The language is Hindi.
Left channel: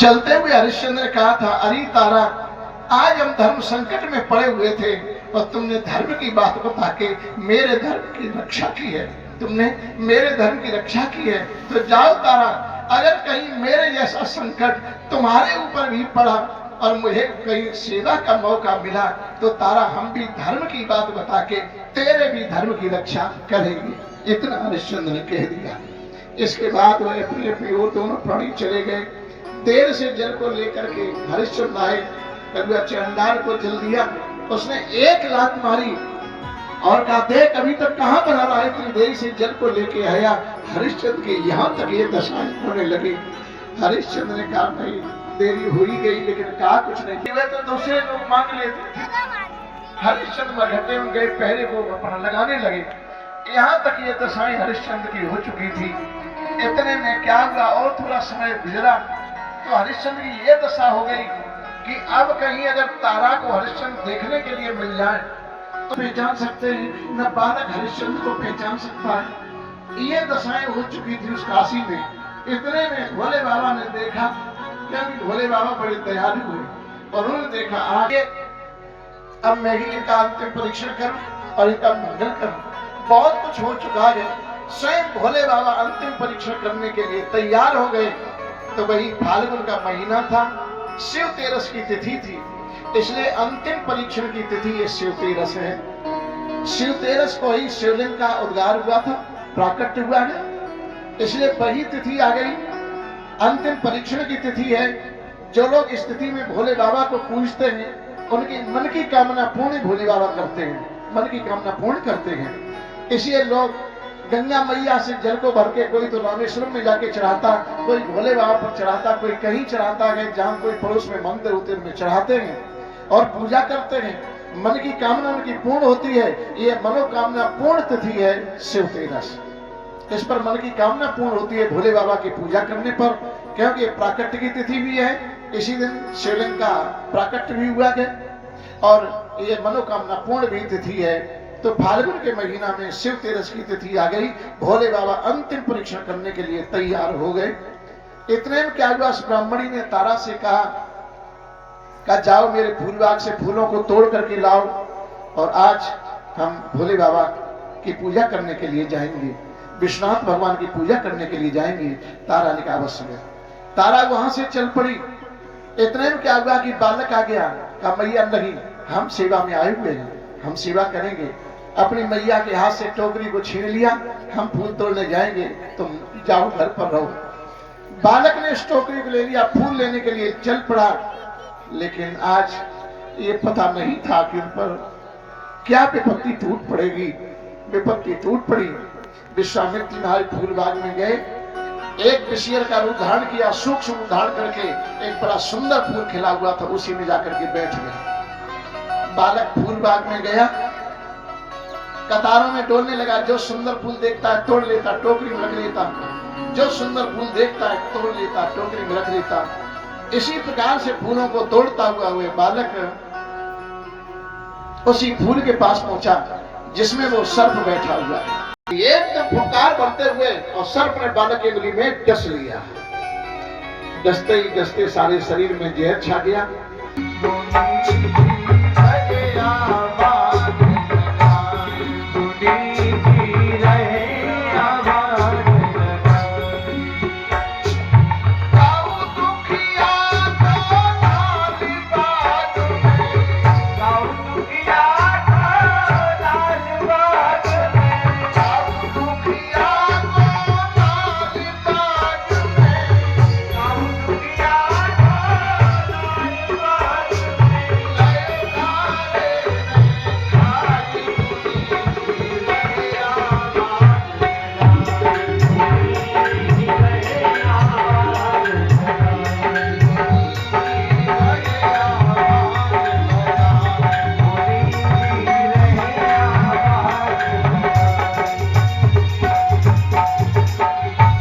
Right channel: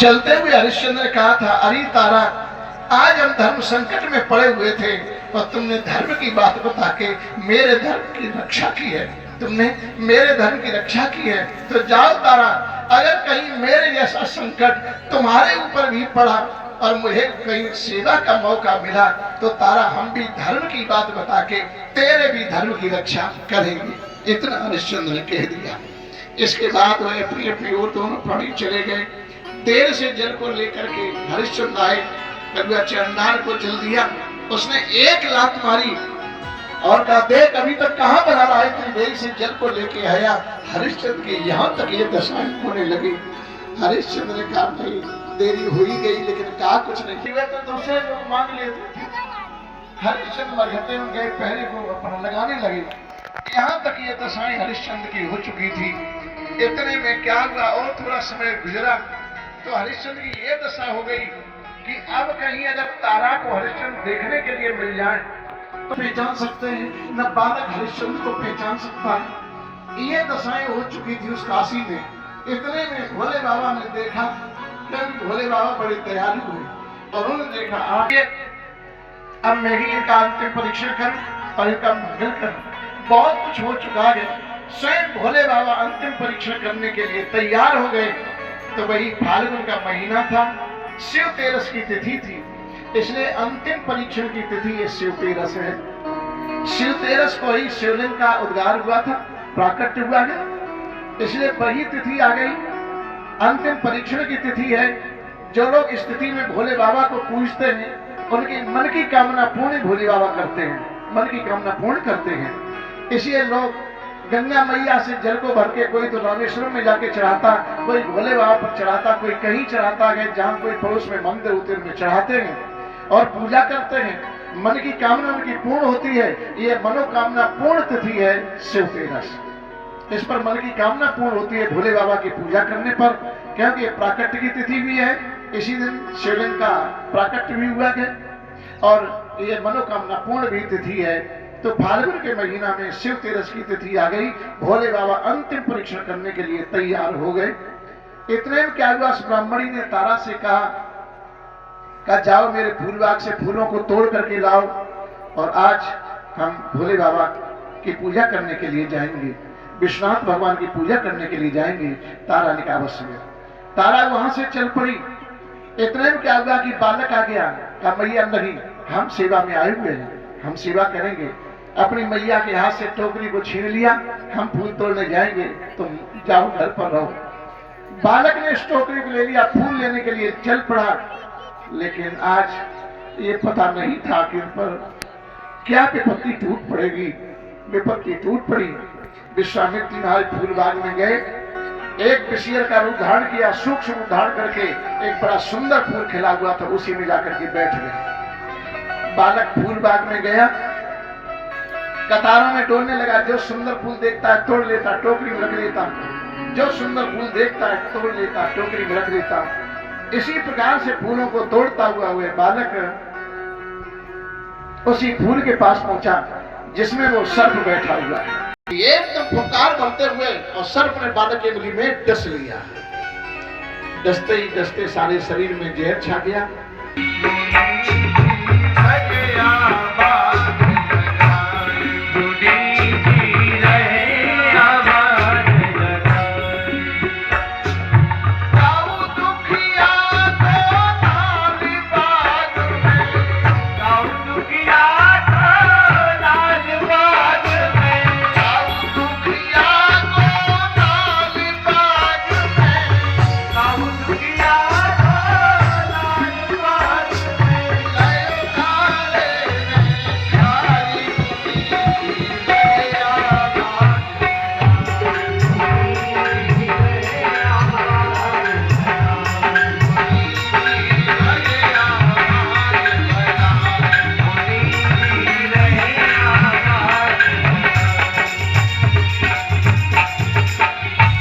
चलते हुए हरिश्चंद्र ने कहा था, अरे तारा, आज हम धर्म संकट में पड़े हुए थे और तुमने धर्म की बात बता के मेरे धर्म की रक्षा की है। तुमने मेरे धर्म की रक्षा की है, तो जाओ तारा, अगर कहीं मेरे जैसा संकट तुम्हारे ऊपर भी पड़ा और मुझे कहीं सेवा का मौका मिला तो तारा, हम भी धर्म की बात बता के तेरे भी धर्म की रक्षा करेंगे। इतना हरिश्चंद्र ने कह दिया। इसके बाद वह अपनी अपनी ओर दोनों प्राणी चले गए। देर से जल को लेकर के हरिश्चंद्र आए, कभी चंडाल को जल दिया। उसने एक लात मारी और कहा, देख अभी तक कहाँ बना रहा है, इतनी देर से जल को लेके आया। हरिश्चंद्र के यहाँ तक ये दशाएं होने लगी। हरिश्चंद्र ने कहा, भाई देरी हो ही गई, लेकिन कहा कुछ नहीं। वे तो दूसरे लोग मांग लेते थे। हरिश्चंद्र मरघटे में गए, पहरे को अपना लगाने लगे। यहाँ तक ये दशाएं हरिश्चंद्र की हो चुकी थी। इतने में क्या हुआ, और थोड़ा समय गुजरा तो हरिश्चंद्र की ये दशा हो गई कि अब कहीं अगर तारा को हरिश्चंद्र देखने के लिए मिल जाए तो पहचान सकते हैं, न बालक हरिश्चंद्र को पहचान सकता है। ये दशाएं हो चुकी थी उस काशी में। इतने में भोले बाबा ने देखा, क्योंकि भोले बाबा बड़े दयालु हुए और उन्होंने देखा, आगे अब मैं ही इनका अंतिम परीक्षण करूं और इनका मंगल करूं। बहुत कुछ हो चुका है। स्वयं भोले बाबा अंतिम परीक्षण करने के लिए तैयार हो गए। तो वही फाल्गुन का महीना था, शिव तेरस की तिथि थी, इसलिए अंतिम परीक्षण की तिथि ये शिव तेरस है। शिव तेरस को ही शिवलिंग का उद्गार हुआ था, प्राकट्य हुआ है, इसलिए वही तिथि आ गई। अंतिम परीक्षण की तिथि है। जो लोग इस तिथि में भोले बाबा को पूजते हैं, उनकी मन की कामना पूर्ण भोले बाबा करते हैं, मन की कामना पूर्ण करते हैं। इसलिए लोग गंगा मैया से जल को भर के, कोई तो रामेश्वरम में जाके चढ़ाता, कोई भोले बाबा पर चढ़ाता, कोई कहीं चढ़ाता है, जहाँ कोई पड़ोस में मंदिर होते हैं उनमें चढ़ाते हैं और पूजा करते हैं। मन की कामना उनकी पूर्ण होती है। ये मनोकामना पूर्ण तिथि है शिव तेरस। इस पर मन की कामना पूर्ण होती है भोले बाबा की पूजा करने पर, क्योंकि प्राकट्य की तिथि भी है। इसी दिन शिवलिंग का प्राकट्य भी हुआ है और ये मनोकामना पूर्ण भी तिथि है। तो फाल्गुन के महीना में शिव तेरस की तिथि आ गई। भोले बाबा अंतिम परीक्षण करने के लिए तैयार हो गए। इतने में क्या हुआ, ब्राह्मणी ने तारा से कहा जाओ मेरे फूल बाग से फूलों को तोड़ करके लाओ और आज हम भोले बाबा की पूजा करने के लिए जाएंगे, विश्वनाथ भगवान की पूजा करने के लिए जाएंगे। तारा ने कहा अवश्य में। तारा वहां से चल पड़ी। इतने में क्या हुआ कि बालक आ गया, कहा मैया नहीं, हम सेवा में आए हुए हैं, हम सेवा करेंगे। अपनी मैया के हाथ से टोकरी को छीन लिया, हम फूल तोड़ने जाएंगे, तुम जाओ घर पर रहो। बालक ने इस टोकरी को ले लिया, फूल लेने के लिए चल पड़ा। लेकिन आज ये पता नहीं था कि इन पर क्या विपत्ति टूट पड़ेगी। विपत्ति टूट पड़ी। विश्वामित्र महाराज फूल बाग में गए, एक विषय का रूप धारण किया, सूक्ष्म रूप धारण करके एक बड़ा सुंदर फूल खिला हुआ था, उसी में जाकर के बैठ गए। बालक फूल बाग में गया, कतारों में डोलने लगा। जो सुंदर फूल देखता है तोड़ लेता, टोकरी में रख लेता, जो सुंदर फूल देखता है तोड़ लेता, टोकरी में रख लेता। इसी प्रकार से फूलों को तोड़ता हुआ बालक उसी फूल के पास पहुंचा जिसमें वो सर्प बैठा हुआ है। एकदम फुंकार बनते हुए और सर्प ने बालक की उंगली में डस लिया। डसते ही डसते सारे शरीर में जहर छा गया।